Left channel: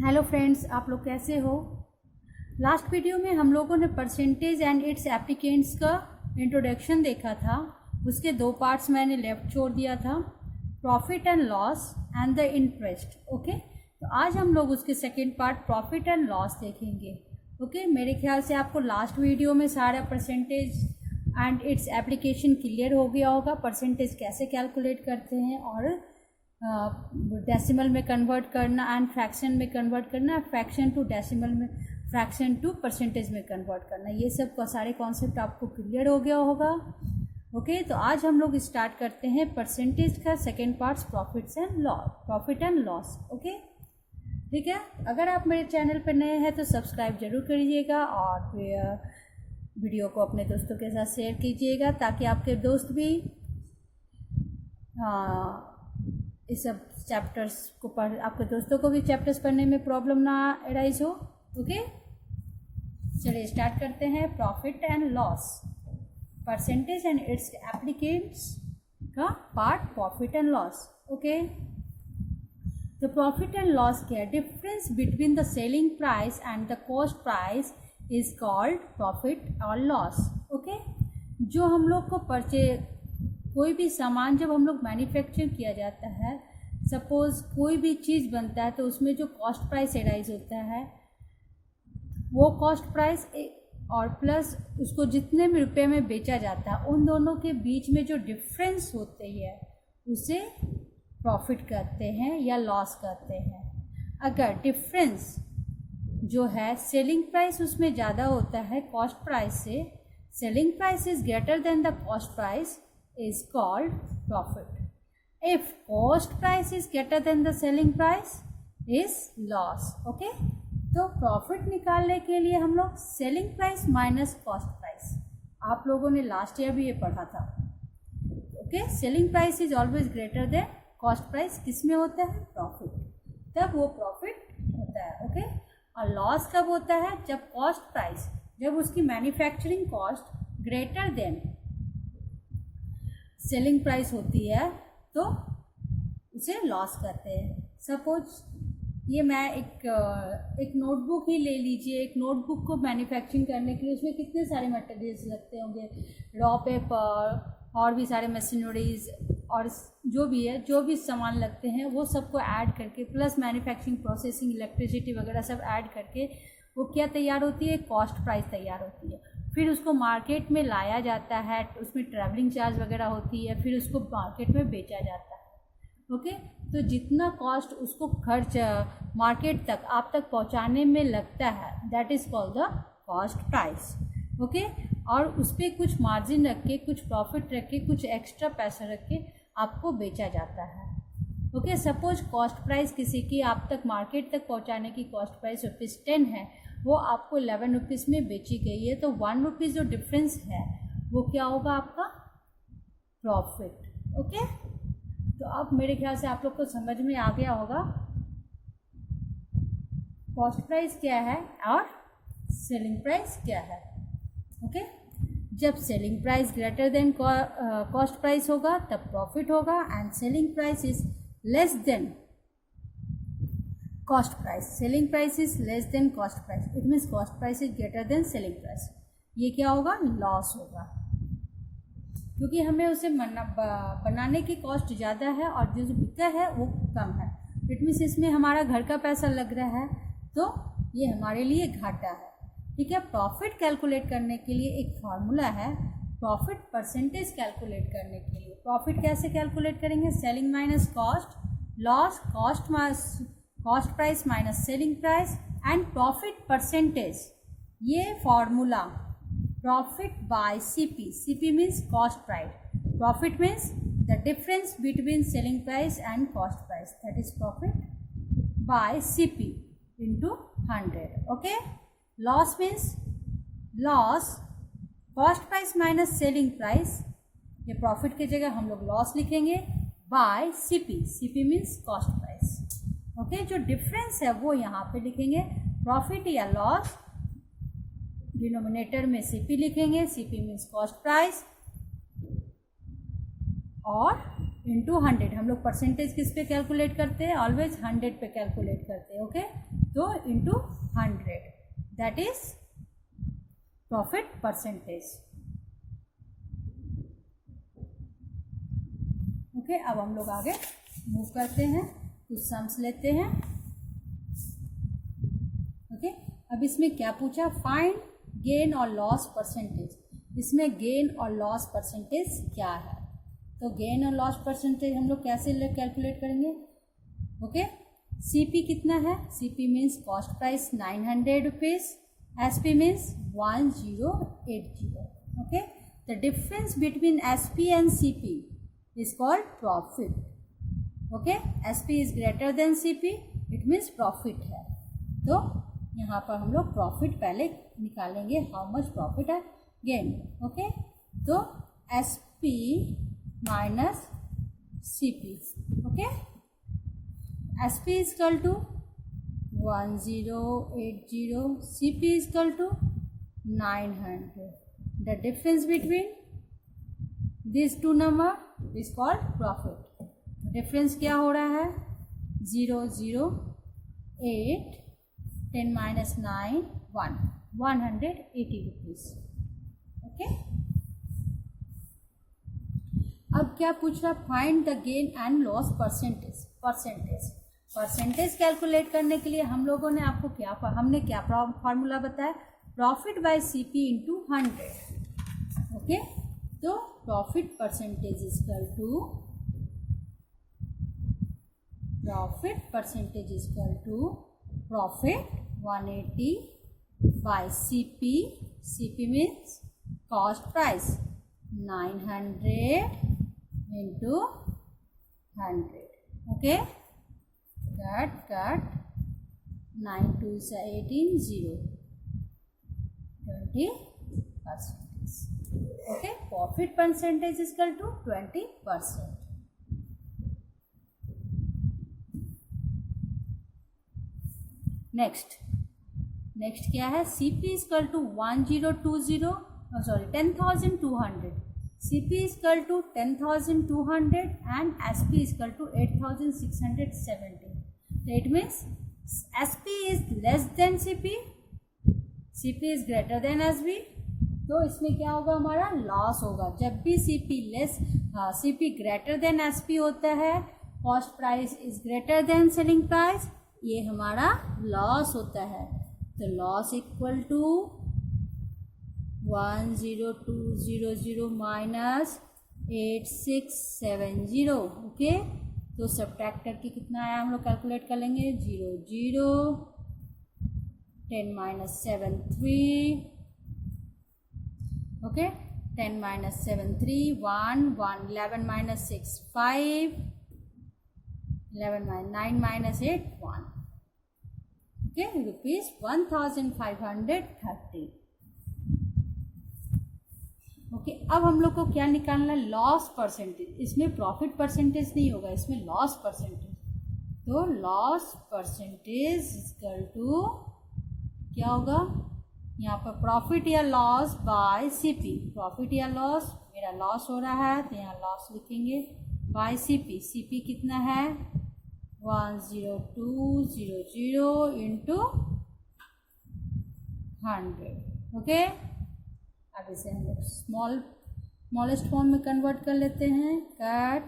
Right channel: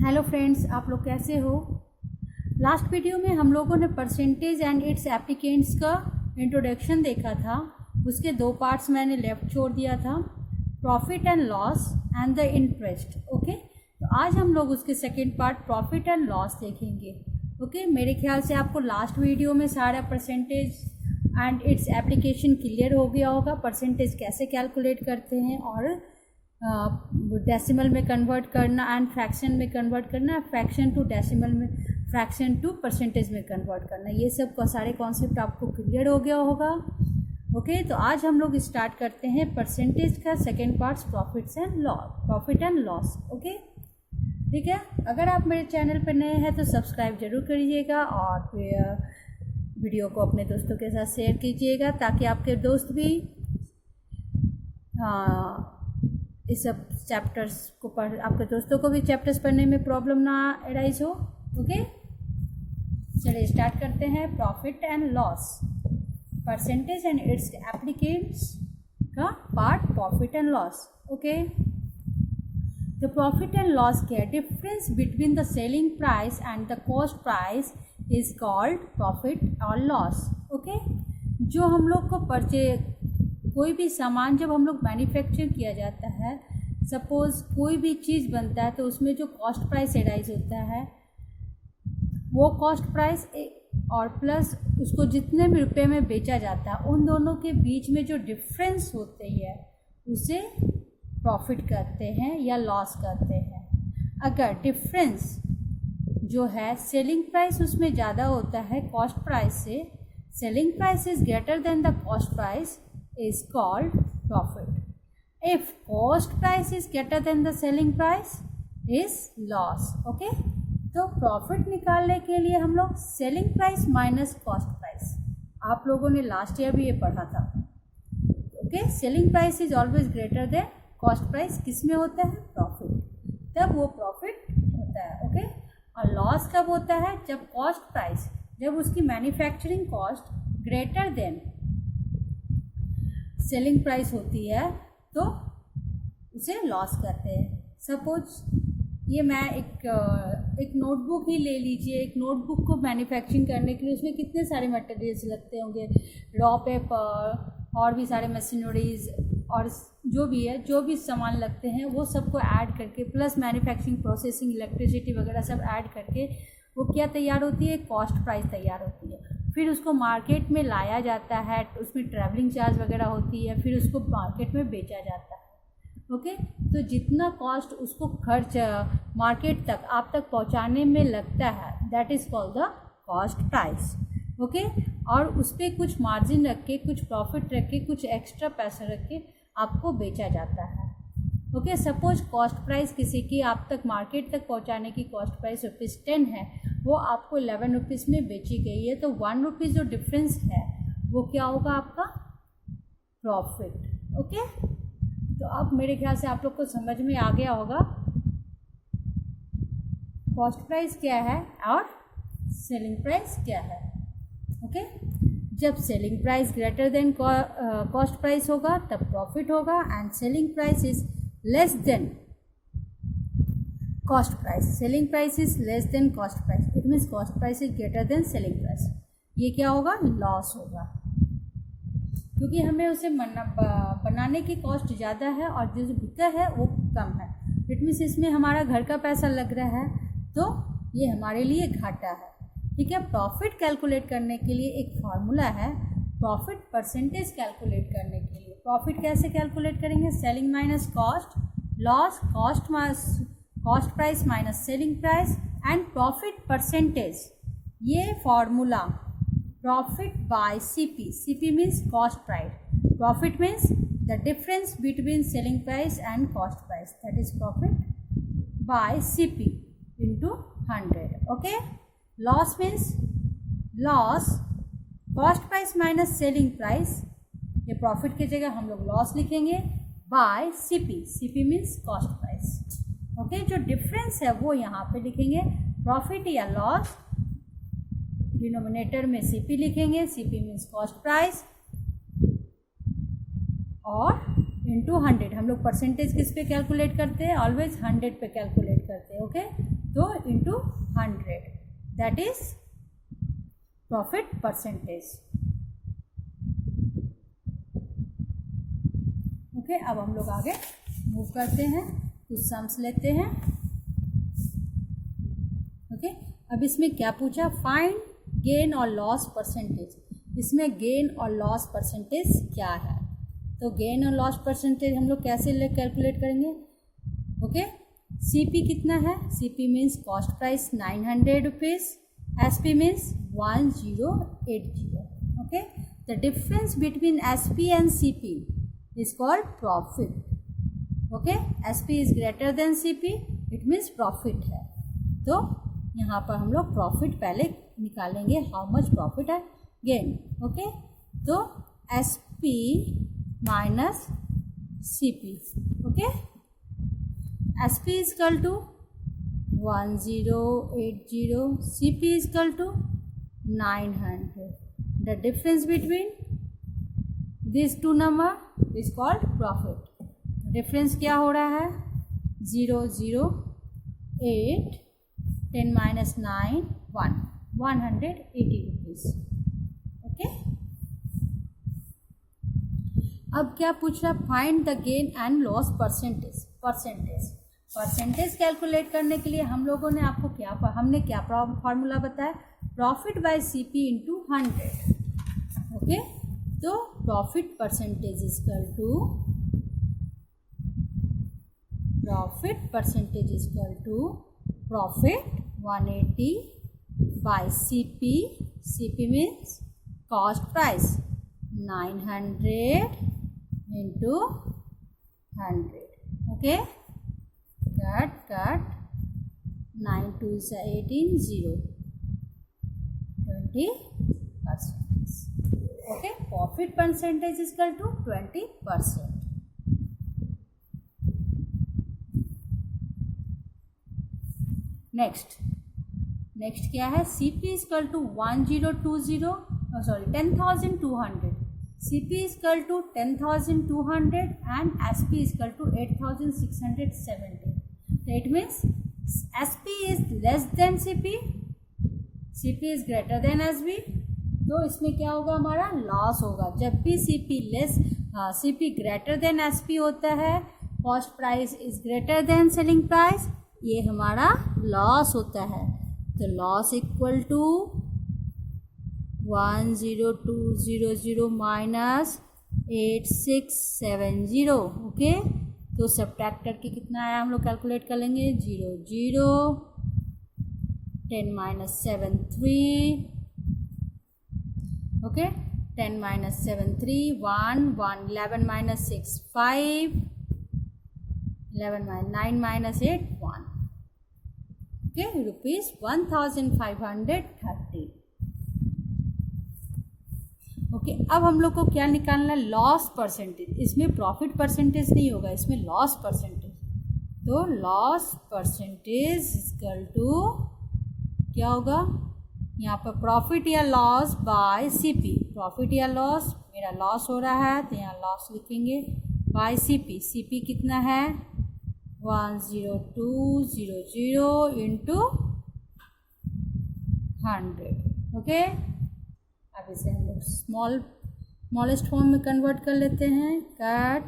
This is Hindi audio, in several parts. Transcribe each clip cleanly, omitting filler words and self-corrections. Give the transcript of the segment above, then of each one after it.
हेलो फ्रेंड्स, आप लोग कैसे हो। लास्ट वीडियो में हम लोगों ने परसेंटेज एंड इट्स एप्लीकेंट्स का इंट्रोडक्शन देखा था। उसके दो पार्ट्स मैंने लेफ्ट छोड़ दिया था, profit and loss and the interest. Okay, तो आज हम लोग उसके second part profit and loss देखेंगे। ओके, मेरे ख्याल से आपको लास्ट वीडियो में सारा percentage and its application clear हो गया होगा। परसेंटेज कैसे कैलकुलेट करते हैं और डेसिमल में कन्वर्ट करना एंड फ्रैक्शन में कन्वर्ट करना, फ्रैक्शन टू डेसिमल में, फ्रैक्शन टू परसेंटेज में कन्वर्ट करना, ये सब का सारे कॉन्सेप्ट आपको क्लियर हो गया होगा। ओके, तो आज हम लोग स्टार्ट करते हैं परसेंटेज का second part, profit and loss. Okay, ठीक है। अगर आप मेरे चैनल पर नए हैं तो सब्सक्राइब जरूर करिएगा और फिर वीडियो को अपने दोस्तों के साथ शेयर कीजिएगा ताकि आपके दोस्त भी इस सब चैप्टर्स को आपके दोस्तों को भी चैप्टर्स पढ़ने में प्रॉब्लम ना अराइज हो। ओके, चलिए स्टार्ट करते हैं। Profit and loss, percentage and its applicants का part profit and loss. Okay, तो प्रॉफिट एंड लॉस क्या है? Difference between the selling price and the cost price is called profit और लॉस। ओके, जो हम लोग को कोई भी सामान जब हम लोग मैन्युफैक्चर किया जाता है, सपोज कोई भी चीज़ बनता है तो उसमें जो कॉस्ट प्राइस एराइज होता है वो कॉस्ट प्राइस और प्लस उसको जितने में रुपए में बेचा जाता है, उन दोनों के बीच में जो डिफरेंस होती है उसे प्रॉफिट कहते हैं या लॉस कहते हैं। अगर डिफरेंस जो है सेलिंग प्राइस उसमें ज़्यादा होता है कॉस्ट प्राइस से, selling price is greater then the cost price is called profit. If cost price is greater than the selling price is loss. Okay, तो प्रॉफिट निकालने के लिए हम लोग selling price minus cost price, आप लोगों ने लास्ट ईयर भी ये पढ़ा था। Okay, selling price is always greater than cost price, किसमें होता है? प्रॉफिट, तब वो प्रॉफिट होता है। ओके, और लॉस कब होता है? जब कॉस्ट प्राइस, जब उसकी manufacturing cost greater than selling price होती है तो उसे लॉस करते हैं। सपोज ये मैं एक नोटबुक ही ले लीजिए। एक नोटबुक को मैन्युफैक्चरिंग करने के लिए उसमें कितने सारे मटेरियल्स लगते होंगे, रॉ पेपर और भी सारे मशीनरीज और जो भी है, जो भी सामान लगते हैं वो सबको ऐड करके प्लस मैन्युफैक्चरिंग प्रोसेसिंग इलेक्ट्रिसिटी वगैरह सब ऐड करके वो क्या तैयार होती है? कॉस्ट प्राइस तैयार होती है। फिर उसको मार्केट में लाया जाता है, उसमें ट्रैवलिंग चार्ज वगैरह होती है, फिर उसको मार्केट में बेचा जाता है। ओके, तो जितना कॉस्ट उसको खर्च मार्केट तक आप तक पहुंचाने में लगता है that is called the cost price. Okay, और उस पर कुछ मार्जिन रख के, कुछ प्रॉफिट रख के, कुछ एक्स्ट्रा पैसा रख के आपको बेचा जाता है। ओके, सपोज कॉस्ट प्राइस किसी की आप तक मार्केट तक पहुंचाने की कॉस्ट प्राइस ₹10 है, वो आपको 11 रुपीज़ में बेची गई है, तो 1 रुपीज़ जो डिफरेंस है वो क्या होगा? आपका प्रॉफिट। ओके, तो अब मेरे ख्याल से आप लोग को समझ में आ गया होगा कॉस्ट प्राइस क्या है और सेलिंग प्राइस क्या है। ओके, जब selling price greater than cost price होगा तब प्रॉफिट होगा, and selling price is less then cost price, selling price is less than cost price, it means cost price is greater than selling price, ये क्या होगा? लॉस होगा, क्योंकि हमें उसे बनाने की कॉस्ट ज़्यादा है और जो बिका है वो कम है। इट मीन्स इसमें हमारा घर का पैसा लग रहा है तो ये हमारे लिए घाटा है। ठीक है, प्रॉफिट कैलकुलेट करने के लिए एक फार्मूला है, प्रॉफिट परसेंटेज कैलकुलेट करने के लिए। प्रॉफिट कैसे कैलकुलेट करेंगे? Selling minus cost, loss cost price minus selling price and profit percentage. ये formula profit by CP, CP means cost price, profit means the difference between selling price and cost price, that is profit by CP into 100। Okay, loss means loss cost price minus selling price, ये प्रॉफिट की जगह हम लोग लॉस लिखेंगे, by CP, CP means cost price. Okay, जो डिफरेंस है वो यहाँ पे लिखेंगे, प्रॉफिट या लॉस, डिनोमिनेटर में सीपी लिखेंगे, सीपी मीन्स कॉस्ट प्राइस, और इंटू 100। हम लोग परसेंटेज किस पे कैलकुलेट करते हैं? ऑलवेज 100 पे कैलकुलेट करते हैं। ओके, तो into 100, that is profit percentage. Okay, अब हम लोग आगे मूव करते हैं, कुछ सम्स लेते हैं। ओके, अब इसमें क्या पूछा, फाइंड गेन और लॉस परसेंटेज। इसमें गेन और लॉस परसेंटेज क्या है, तो गेन और लॉस परसेंटेज हम लोग कैसे कैलकुलेट करेंगे। ओके, सीपी कितना है, CP means cost price 900 rupees, SP means 1080। Okay, the difference between SP and CP is called profit. Okay, SP is greater than CP, it means profit है। तो यहाँ पर हम लोग प्रॉफिट पहले निकालेंगे, हाउ मच प्रॉफिट है गेन। ओके, तो SP minus CP। Okay, SP is equal to 1080, CP is equal to 900। The difference between these two number is called profit। Difference क्या हो रहा है, 008, 10 minus 9 1, 180 रुपीज़। ओके, अब क्या पूछ रहा, find the gain and loss percentage. Percentage calculate करने के लिए हम लोगों ने आपको हमने क्या फॉर्मूला बताया, profit by CP into 100। Okay, तो profit percentage equal to 180 by CP. CP means cost price 900 into 100। Okay, cut 9 2 से 18, 0, 20%। Okay, profit percentage is equal to 20%। Next क्या है, CP is equal to 10,200, CP is equal to 10,200 and SP is equal to 8,670। It means SP is less than CP, CP is greater then SP. तो इसमें क्या होगा, हमारा लॉस होगा। जब भी सीपी ग्रेटर देन एसपी होता है, cost price is greater than selling price, ये हमारा लॉस होता है। तो loss equal to 10200 minus 8670। Okay, तो सब्ट्रैक्ट करके कितना आया हम लोग कैलकुलेट कर लेंगे, 00, 10 minus 7 3। Okay, 10 minus 7 3 1 1, 11 minus 6 5, 11 minus 9 minus 8 1। Okay, rupees 1530। Okay, अब हम लोग को क्या निकालना है, लॉस परसेंटेज। इसमें प्रॉफिट परसेंटेज नहीं होगा, इसमें लॉस परसेंटेज। तो लॉस परसेंटेज इक्वल टू क्या होगा, यहाँ पर प्रॉफिट या लॉस बाय सीपी। प्रॉफिट या लॉस, मेरा लॉस हो रहा है तो यहाँ लॉस लिखेंगे, बाय सीपी। सीपी कितना है, 10200 इंटू 100। ओके, अब इसे हम लोग स्मॉलेस्ट फॉर्म में कन्वर्ट कर लेते हैं, कट।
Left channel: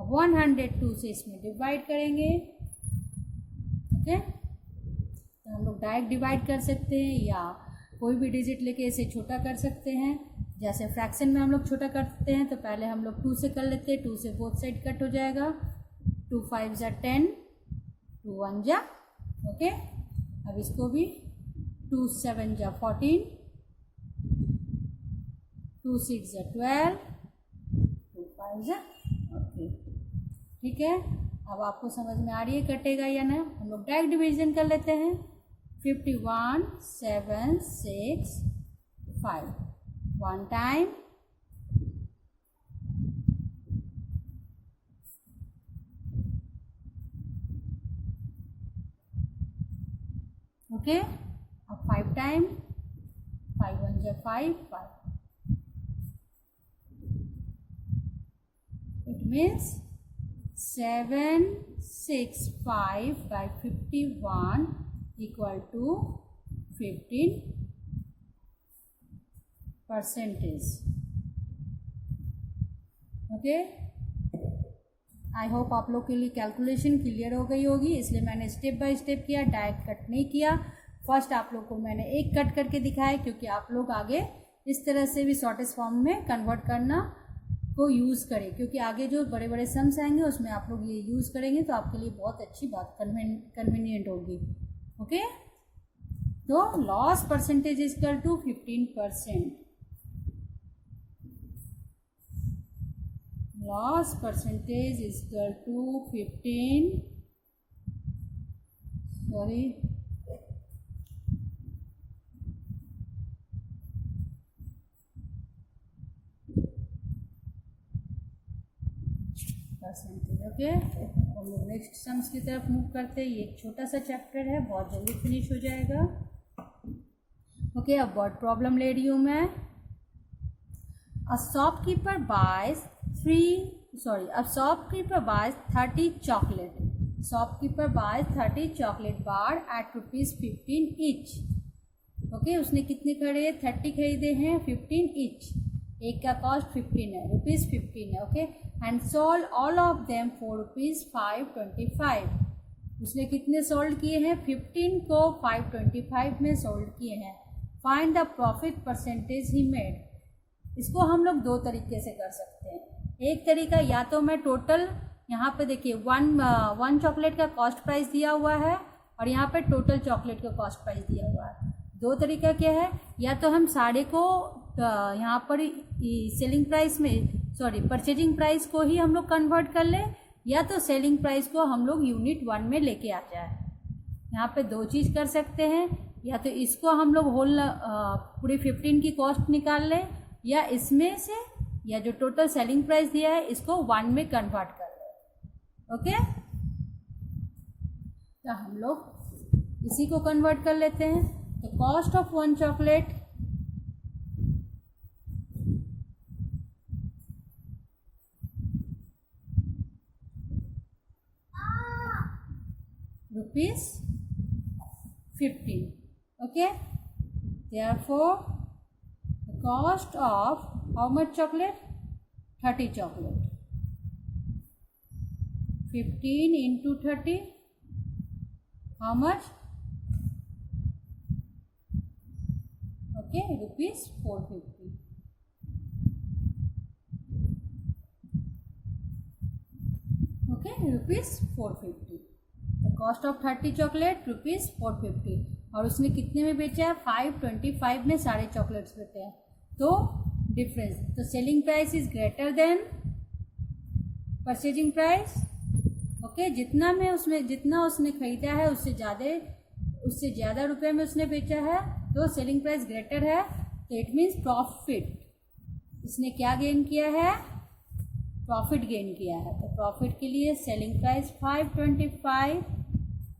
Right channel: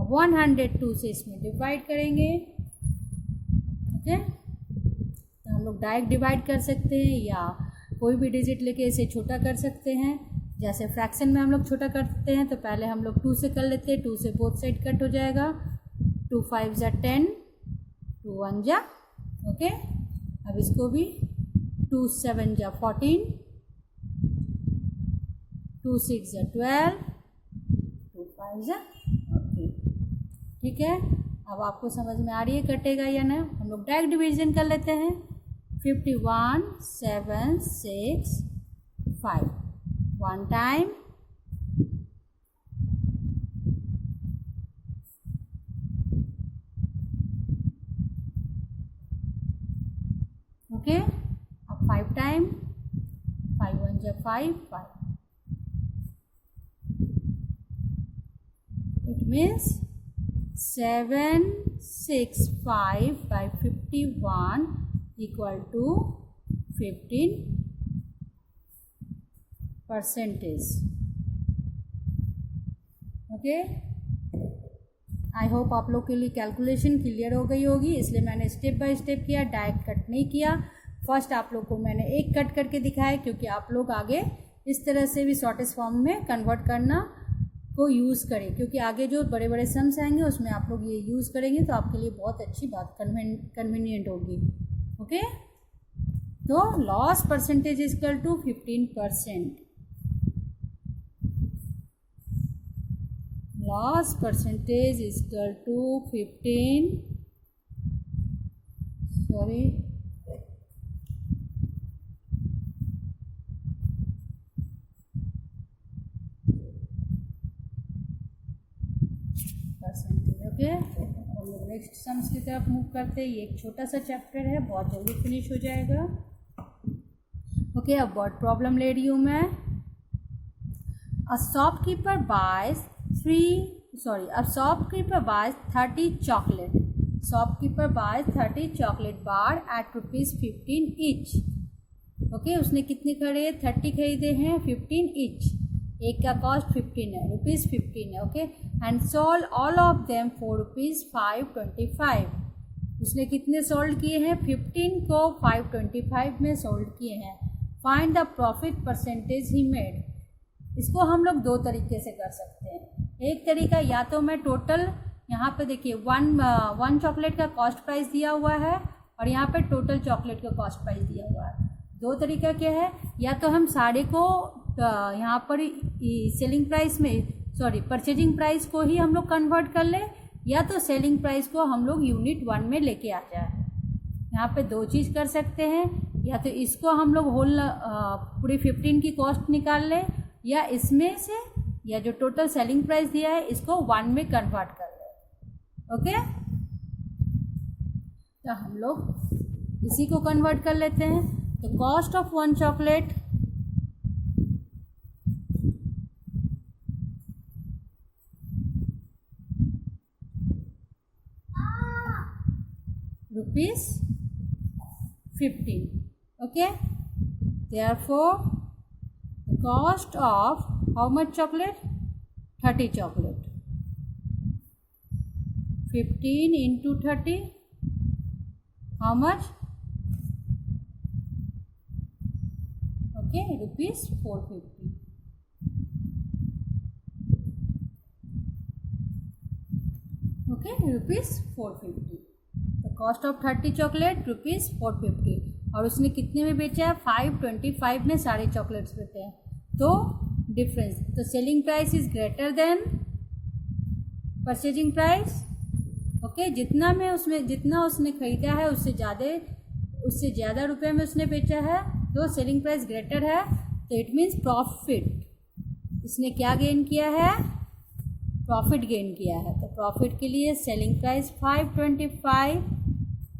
अब 102 से इसमें डिवाइड करेंगे। ओके, तो हम लोग डायरेक्ट डिवाइड कर सकते हैं या कोई भी डिजिट लेके इसे छोटा कर सकते हैं। जैसे फ्रैक्शन में हम लोग छोटा करते हैं तो पहले हम लोग 2 से कर लेते हैं, 2 से बोथ साइड कट हो जाएगा, 2 5 जा 10, 2 1 जा। ओके, अब इसको भी 2 7 जा 14, 2 6 जा 12, 2 5 जा। ओके, ठीक है, अब आपको समझ में आ रही है कटेगा या ना। हम लोग डायरेक्ट डिवीजन कर लेते हैं, 51 7 6 5, 1 टाइम, ओके। अब 5 टाइम, 5 1 जा 5 5, it means 7 6 5 by 51 equal to 15%। Okay, I hope आप लोग के लिए कैलकुलेशन क्लियर हो गई होगी, इसलिए मैंने स्टेप बाय स्टेप किया, डायरेक्ट कट नहीं किया। फर्स्ट आप लोग को मैंने एक कट करके दिखाया क्योंकि आप लोग आगे इस तरह से भी शॉर्टेस्ट फॉर्म में कन्वर्ट करना को यूज़ करें, क्योंकि आगे जो बड़े बड़े सम्स आएंगे उसमें आप लोग ये यूज़ करेंगे तो आपके लिए बहुत अच्छी बात कन्वीनियंट होगी। ओके, तो loss percentage is equal to 15%। Loss percentage is equal to 15%। Okay, हम लोग नेक्स्ट सम्स की तरफ मूव करते हैं। ये एक छोटा सा चैप्टर है, बहुत जल्दी फिनिश हो जाएगा। ओके, अब वर्ड प्रॉब्लम ले रही हूँ मैं। A shopkeeper buys 30 chocolate. Shopkeeper buys 30 chocolate bar at ₹15 each. Okay, उसने कितने खरीदे? 30 खरीदे हैं, 15 each। एक का कॉस्ट 15 है, ₹15 है। Okay, and sold all of them for ₹525। उसने कितने सोल्ड किए हैं? 15 को 525 में सोल्ड किए हैं। Find the profit percentage he made. इसको हम लोग दो तरीके से कर सकते हैं। एक तरीका, या तो मैं टोटल, यहाँ पे देखिए वन चॉकलेट का कॉस्ट प्राइस दिया हुआ है और यहाँ पे टोटल चॉकलेट का कॉस्ट प्राइस दिया हुआ है। दो तरीका क्या है, या तो हम सारे को यहाँ पर सेलिंग प्राइस में परचेजिंग प्राइस को ही हम लोग कन्वर्ट कर ले, या तो सेलिंग प्राइस को हम लोग यूनिट 1 में लेके आ जाए। यहाँ पे दो चीज़ कर सकते हैं, या तो इसको हम लोग होल पूरी 15 की कॉस्ट निकाल लें, या इसमें से या जो टोटल सेलिंग प्राइस दिया है इसको 1 में कन्वर्ट कर ले। ओके, तो हम लोग इसी को कन्वर्ट कर लेते हैं। तो cost of 1 chocolate ₹15। Okay, therefore the cost of how much chocolate? 30 chocolate. 15 into 30, how much? Okay, ₹450. Okay, ₹450. The cost of 30 chocolate ₹450। और उसने कितने में बेचा है? 525 में सारे चॉकलेट्स बेचे हैं। तो डिफरेंस, तो selling price is greater then purchasing price. Okay, जितना उसने खरीदा है उससे ज़्यादा रुपए में उसने बेचा है, तो सेलिंग प्राइस ग्रेटर है, तो इट मीन्स प्रॉफिट। इसने क्या गेन किया है? प्रॉफिट गेन किया है। तो प्रॉफिट के लिए selling price 525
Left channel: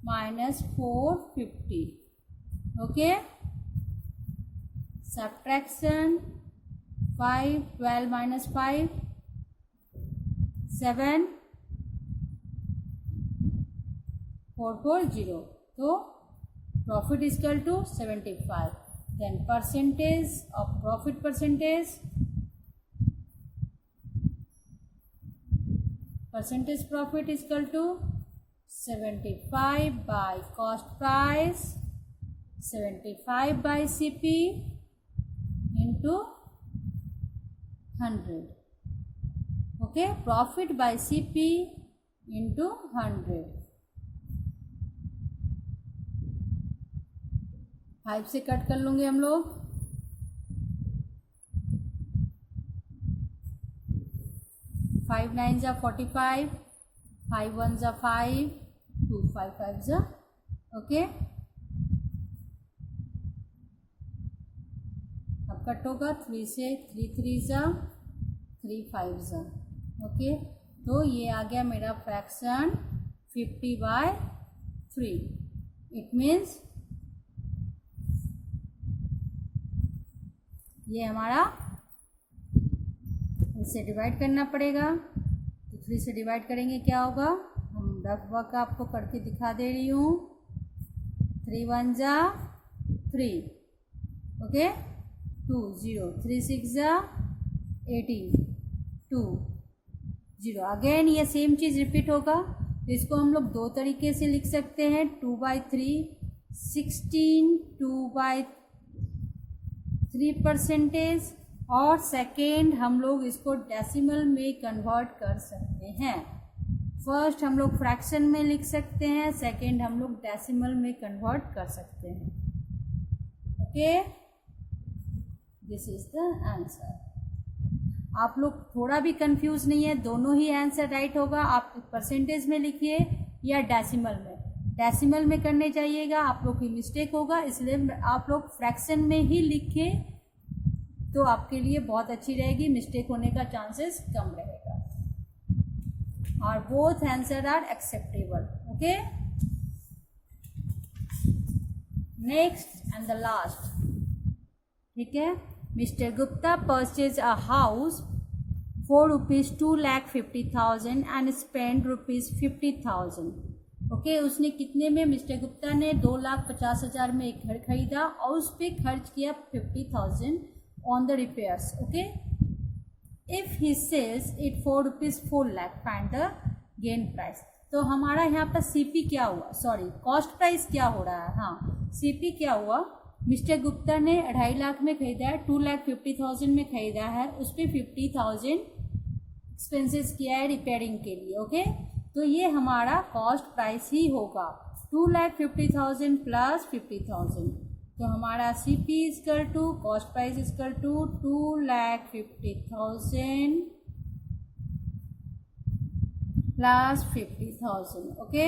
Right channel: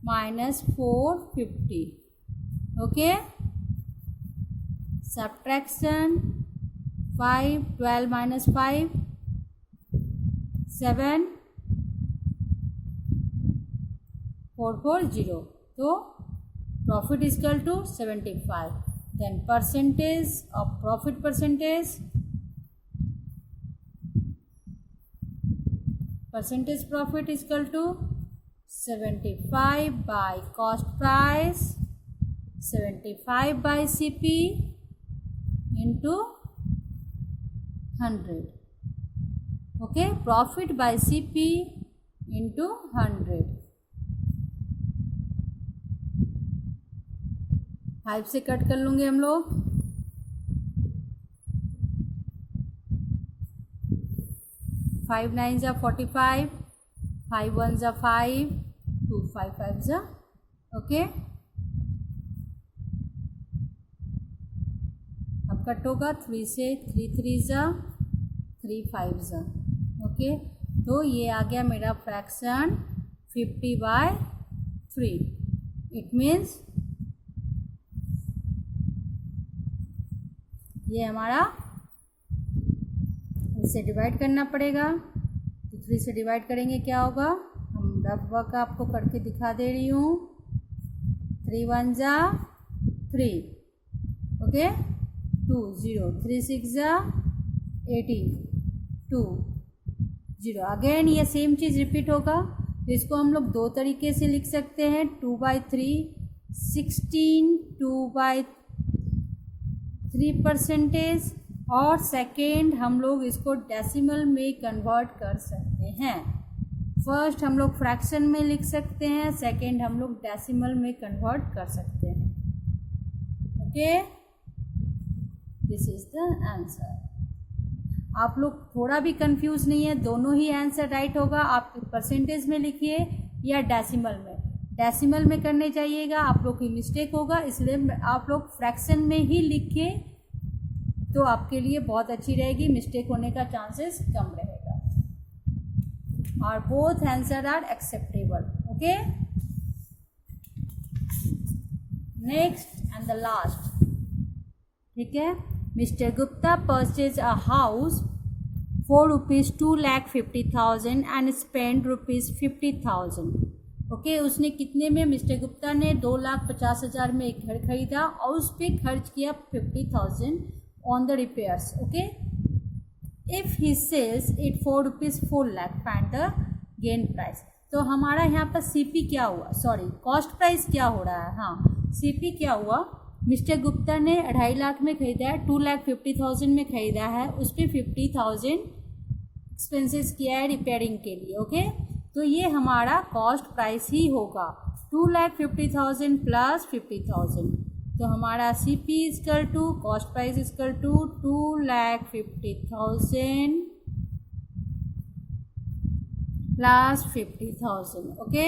minus 450। Okay, subtraction 5, 12 minus 5, 7, 440। तो profit equal to 75। Then percentage of profit percentage profit is equal to 75 by cost price, 75 by CP into 100. Okay, profit by CP into 100. 5 से कट कर लूँगे हम लोग। 5 9 जा 45, 5 1 जा 5, 2 5 5 जा। ओके, अब कट होगा 3 से, 3 3 जा, 3 5 जा। ओके, तो ये आ गया मेरा फ्रैक्शन 50/3। इट मीन्स ये हमारा इसे डिवाइड करना पड़ेगा। तो 3 से डिवाइड करेंगे क्या होगा? हम रफ वर्क आपको करके दिखा दे रही हूँ। 3 1 जा 3, ओके, 2 0, 3 6 जा 18, 2 0। अगेन ये सेम चीज़ रिपीट होगा। इसको हम लोग दो तरीके से लिख सकते हैं, 2/3 16 2/3%, और सेकेंड हम लोग इसको डेसिमल में कन्वर्ट कर सकते हैं। फर्स्ट हम लोग फ्रैक्शन में लिख सकते हैं, सेकेंड हम लोग डेसिमल में कन्वर्ट कर सकते हैं। Okay, this is the answer. आप लोग थोड़ा भी कंफ्यूज नहीं है, दोनों ही आंसर राइट होगा। आप परसेंटेज में लिखिए या डेसिमल में। डेसिमल में करने जाइएगा आप लोग की मिस्टेक होगा, इसलिए आप लोग फ्रैक्शन में ही लिखिए तो आपके लिए बहुत अच्छी रहेगी, मिस्टेक होने का चांसेस कम रहेगा। और both answer are acceptable. Okay, next and the last, ठीक है। Mister Gupta purchase a house for ₹2,50,000 and spend ₹50,000। Okay, उसने कितने में, मिस्टर गुप्ता ने 2,50,000 में एक घर खरीदा और उस पर खर्च किया 50,000 on the repairs. Okay, if he sells it for ₹4,00,000 find the gain price. तो हमारा यहाँ पर सीपी क्या हुआ, सॉरी कॉस्ट प्राइस क्या हो रहा है, हाँ सीपी क्या हुआ। मिस्टर गुप्ता ने 2.5 लाख में खरीदा है, 2,50,000 में खरीदा है, उस पर 50,000 एक्सपेंसेस किया है रिपेयरिंग के लिए। ओके, तो ये हमारा कॉस्ट प्राइस ही होगा, 2,50,000 प्लस 50,000। तो हमारा CP equal to cost price equal to 2,50,000 plus 50,000। Okay,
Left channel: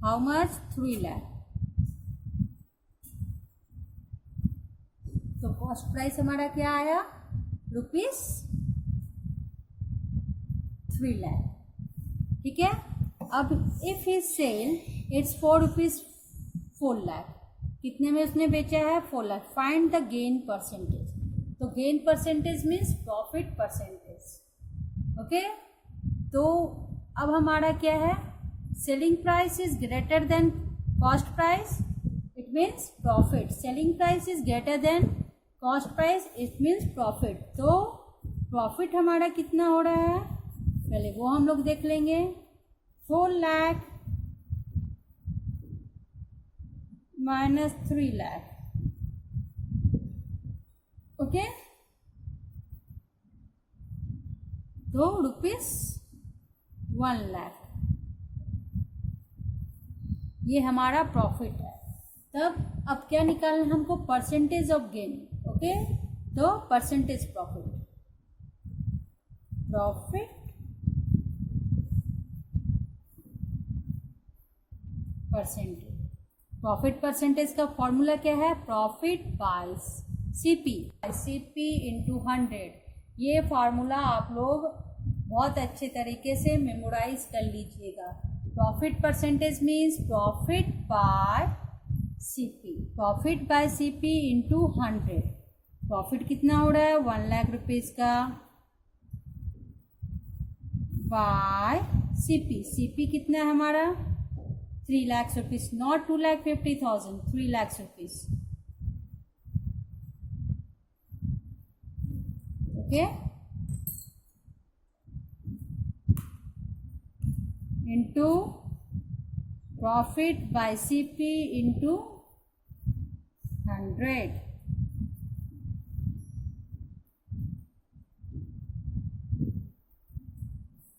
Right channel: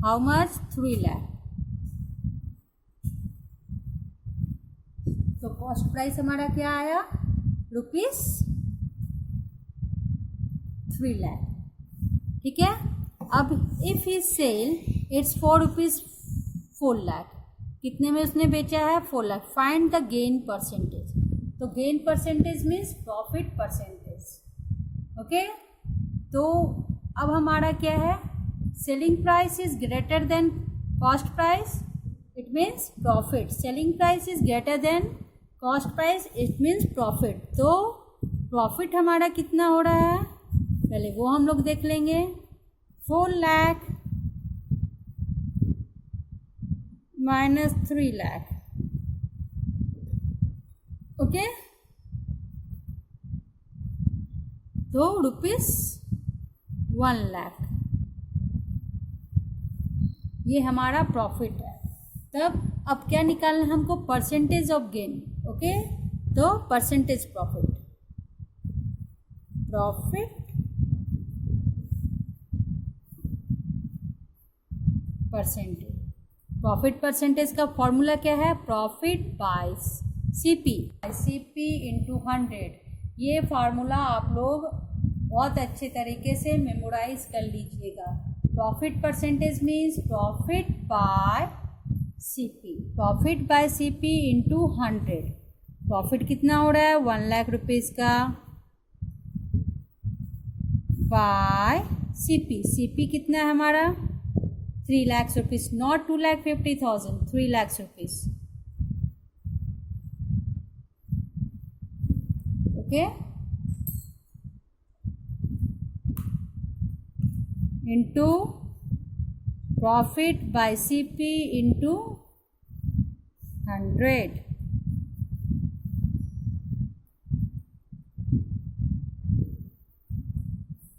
how much, 3 lakh. तो कॉस्ट प्राइस हमारा क्या आया, ₹3 लाख। ठीक है, अब if he sell its for ₹4 lakh, कितने में उसने बेचा है, 4 lakh. Find the gain percentage. तो gain percentage means profit percentage. Okay, तो अब हमारा क्या है, selling price is greater than cost price, it means profit. Selling price is greater than cost price, it means profit. तो प्रॉफिट हमारा कितना हो रहा है, पहले वो हम लोग देख लेंगे। 4 लाख माइनस 3 लाख। ओके, तो ₹1 लाख ये हमारा प्रॉफिट है। तब अब क्या निकालना है हमको, परसेंटेज ऑफ गेन। ओके, तो परसेंटेज प्रॉफिट, प्रॉफिट परसेंटेज का फॉर्मूला क्या है, प्रॉफिट बाय सीपी इंटू 100। ये फार्मूला आप लोग बहुत अच्छे तरीके से मेमोराइज कर लीजिएगा। Profit percentage means profit by CP into 100। Profit कितना हो रहा है, 1 लाख रुपीज़ का, बाय सीपी कितना है हमारा, 3 lakh rupees, not 2,50,000, 3 lakh rupees. Okay, into profit by CP into 100।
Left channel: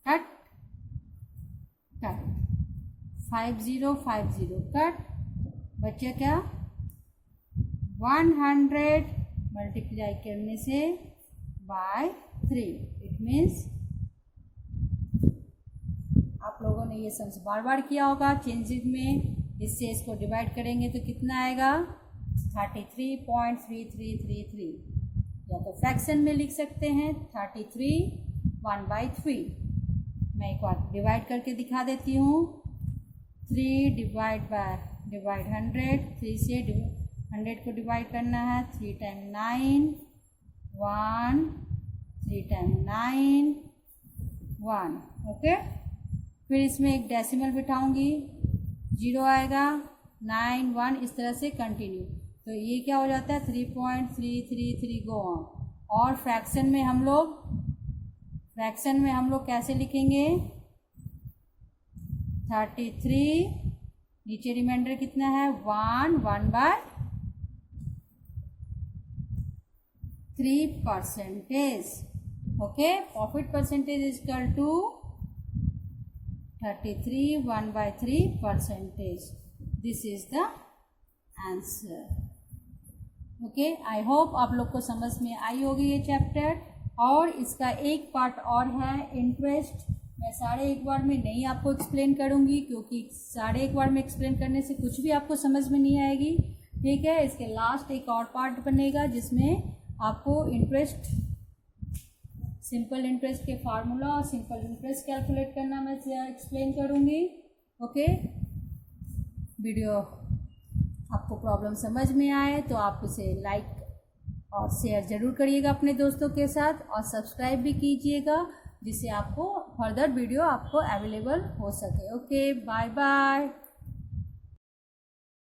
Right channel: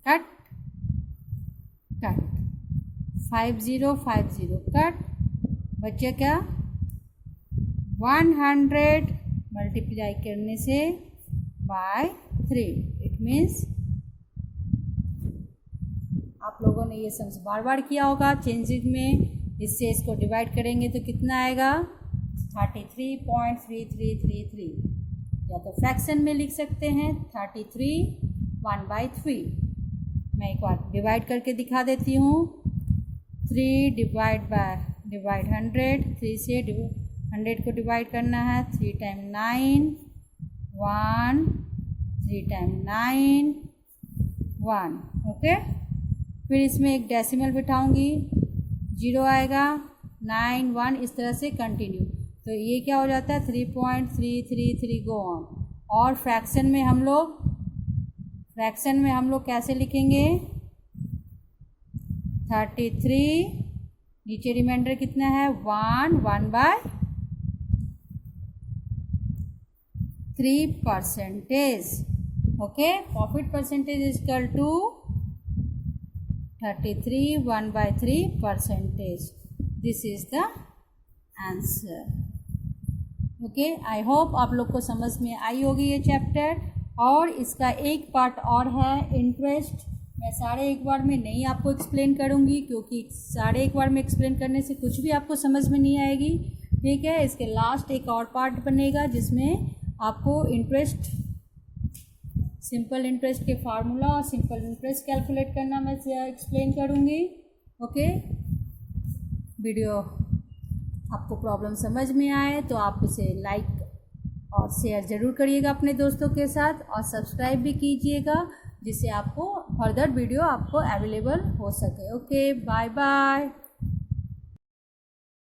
Cut 5050 cut, बच्चे क्या, 100 मल्टीप्लाई करने से बाय 3, इट मीन्स आप लोगों ने ये सम्स बार बार किया होगा चेंजिंग में। इससे इसको डिवाइड करेंगे तो कितना आएगा, 33.3333। या तो फ्रैक्शन में लिख सकते हैं 33 1/3। मैं एक बार डिवाइड करके दिखा देती हूँ। 3 डिवाइड 100, 3 से 100 को डिवाइड करना है, 3 टाइम 9 1, 3 टाइम 9 1। ओके, फिर इसमें एक डेसिमल बिठाऊंगी, 0 आएगा, 9 1 इस तरह से कंटिन्यू। तो ये क्या हो जाता है 3.333 गो ऑन। और फ्रैक्शन में हम लोग कैसे लिखेंगे 33, नीचे रिमाइंडर कितना है 1/3%। Okay, profit percentage is equal to 33 1/3%। This is the answer. Okay, I hope आप लोग को समझ में आई होगी ये चैप्टर। और इसका एक पार्ट और है इंटरेस्ट, मैं सारे एक बार में नहीं आपको एक्सप्लेन करूँगी, क्योंकि सारे एक बार में एक्सप्लेन करने से कुछ भी आपको समझ में नहीं आएगी। ठीक है, इसके लास्ट एक और पार्ट बनेगा जिसमें आपको इंटरेस्ट, सिंपल इंटरेस्ट के फार्मूला और सिंपल इंटरेस्ट कैलकुलेट करना मैं एक्सप्लेन करूँगी। ओके, वीडियो आपको प्रॉब्लम समझ में आए तो आप उसे लाइक और शेयर ज़रूर करिएगा अपने दोस्तों के साथ, और सब्सक्राइब भी कीजिएगा जिससे आपको फर्दर वीडियो आपको अवेलेबल हो सके। Okay, bye bye.